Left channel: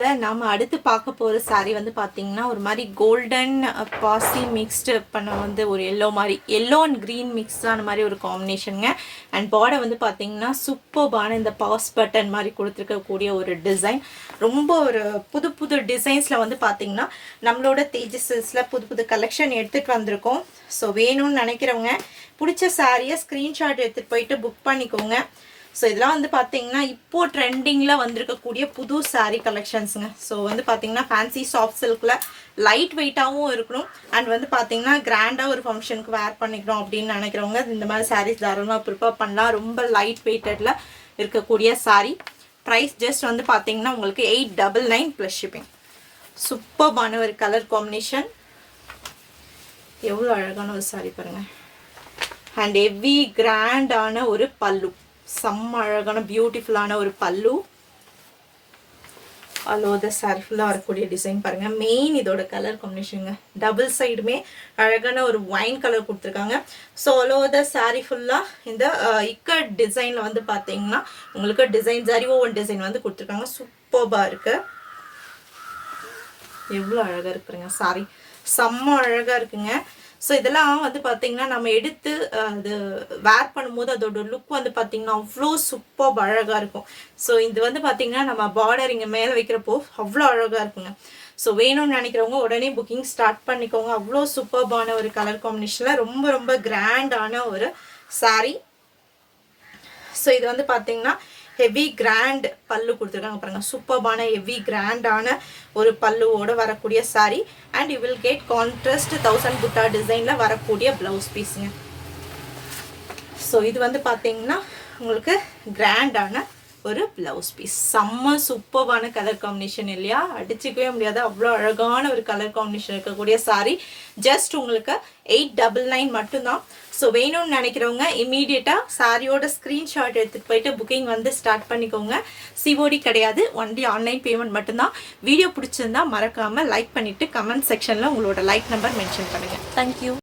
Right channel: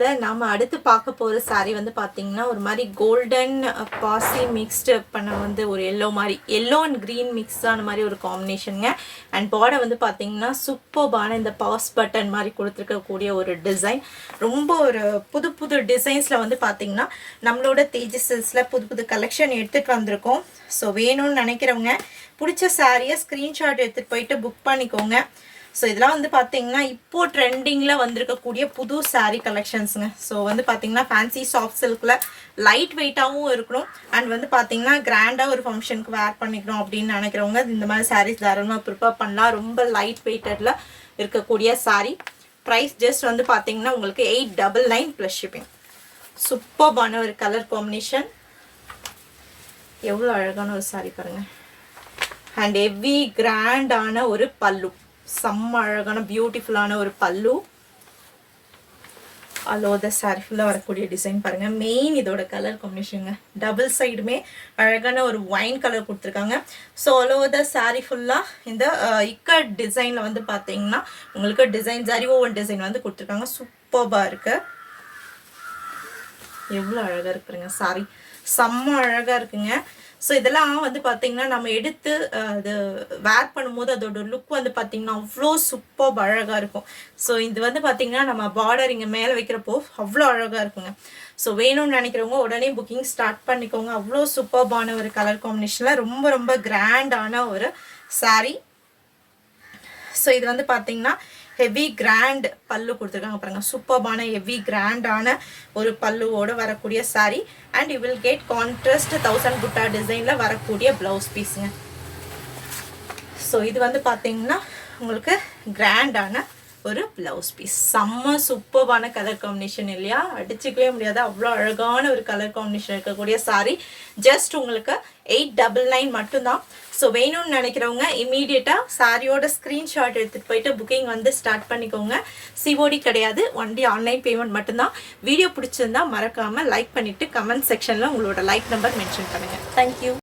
நாம அடுத்து பார்க்க போகிற சாரீ வந்து பார்த்தீங்கன்னா ஒரு மாதிரி கோல்டன் பாசி மிக்ஸ்டு பண்ண வந்து ஒரு எல்லோ மாதிரி எல்லோ அண்ட் க்ரீன் மிக்ஸ்டான மாதிரி ஒரு காம்பினேஷனுங்க. அண்ட் பார்டர் வந்து பார்த்தீங்கன்னா சூப்பர்பான இந்த பாஸ் பட்டன் மாதிரி கொடுத்துருக்கக்கூடிய ஒரு டிசைன். ரொம்ப ஒரு புது புது டிசைன்ஸில் வந்து பார்த்தீங்கன்னா நம்மளோட தேஜஸில் புது புது கலெக்ஷன் எடுத்துகிட்டு வந்திருக்கோம். ஸோ வேணும்னு நினைக்கிறவங்க பிடிச்ச சாரியை ஸ்க்ரீன்ஷாட் எடுத்துகிட்டு போயிட்டு புக் பண்ணிக்கோங்க. ஸோ இதெல்லாம் வந்து பார்த்தீங்கன்னா இப்போது ட்ரெண்டிங்கில் வந்திருக்கக்கூடிய புது சாரீ கலெக்ஷன்ஸுங்க. ஸோ வந்து பார்த்தீங்கன்னா ஃபேன்சி சாஃப்ட் சில்கில் லைட் வெயிட்டாகவும் இருக்கணும் அண்ட் வந்து பார்த்தீங்கன்னா கிராண்டாக ஒரு ஃபங்க்ஷனுக்கு வேர் பண்ணிக்கிறோம் அப்படின்னு நினைக்கிறவங்க இந்த மாதிரி சாரீஸ் தாராளமாக ப்ரிப்பேர் பண்ணலாம். ரொம்ப லைட் வெயிட்டடில் இருக்கக்கூடிய சாரீ. ப்ரைஸ் ஜஸ்ட் வந்து பார்த்தீங்கன்னா உங்களுக்கு 899 ப்ளஸ் ஷிப்பிங். சூப்பர்பான ஒரு கலர் காம்பினேஷன். எவ்வளோ அழகான ஒரு சாரீ பாருங்கள். அண்ட் ஹெவி கிராண்டான ஒரு பல்லு, செம்ம அழகான பியூட்டிஃபுல்லான ஒரு பல்லு. அலோ த சாரி ஃபுல்லாக வரக்கூடிய டிசைன் பாருங்கள். மெயின் இதோட கலர் காம்பினேஷனுங்க. டபுள் சைடுமே அழகான ஒரு ஒயின் கலர் கொடுத்துருக்காங்க. ஸோ அலோ த சாரி ஃபுல்லாக இந்த இக்கட் டிசைனில் வந்து பார்த்தீங்கன்னா உங்களுக்கு டிசைன் ஜரி ஓவன் டிசைன் வந்து கொடுத்துருக்காங்க. சூப்பர்பாக இருக்குது. எவ்வளோ அழகாக இருக்குங்க சாரி, செம்ம அழகாக இருக்குங்க. ஸோ இதெல்லாம் வந்து பார்த்திங்கன்னா நம்ம எடுத்து அது வேர் பண்ணும்போது அதோட லுக் வந்து பார்த்திங்கன்னா அவ்வளோ சூப்பர் அழகாக இருக்கும். ஸோ இது வந்து பார்த்திங்கன்னா நம்ம பார்டர் இங்கே மேலே வைக்கிறப்போ அவ்வளோ அழகாக இருக்குங்க. ஸோ வேணும்னு நினைக்கிறவங்க உடனே புக்கிங் ஸ்டார்ட் பண்ணிக்கோங்க. அவ்வளோ சூப்பர்பான ஒரு கலர் காம்பினேஷனில் ரொம்ப ரொம்ப கிராண்டான ஒரு சாரீ. ஸோ இது வந்து பார்த்திங்கன்னா ஹெவி கிராண்ட் பல்லு கொடுத்துருக்காங்க பாருங்கள். சூப்பர்பான ஹெவி கிராண்டான ஒரு பல்லுவோடு வரக்கூடிய sari. And you will get contrast 1000 புட்டா டிசைனில் வரக்கூடிய ப்ளவுஸ் பீஸுங்க. ஸோ இது வந்து பார்த்தீங்கன்னா உங்களுக்கு கிராண்டான ஒரு ப்ளவுஸ் பீஸ். செம்ம சூப்பர்பான கலர் காம்பினேஷன் இல்லையா, அடிச்சுக்கவே முடியாது. அவ்வளோ அழகான ஒரு கலர் காம்பினேஷன் இருக்கக்கூடிய சாரீ. ஜஸ்ட் உங்களுக்கு 899 மட்டும்தான். ஸோ வேணும்னு நினைக்கிறவங்க இமீடியட்டாக சாரியோட ஸ்க்ரீன்ஷாட் எடுத்துகிட்டு போயிட்டு புக்கிங் வந்து ஸ்டார்ட் பண்ணிக்கோங்க. சிஓடி கிடையாது, ஒன்லி ஆன்லைன் பேமெண்ட் மட்டும்தான். வீடியோ பிடிச்சிருந்தா மறக்காமல் லைக் பண்ணிவிட்டு கமெண்ட் செக்ஷனில் உங்களோட லைக் நம்பர் மென்ஷன் பண்ணுங்கள். தேங்க்யூ.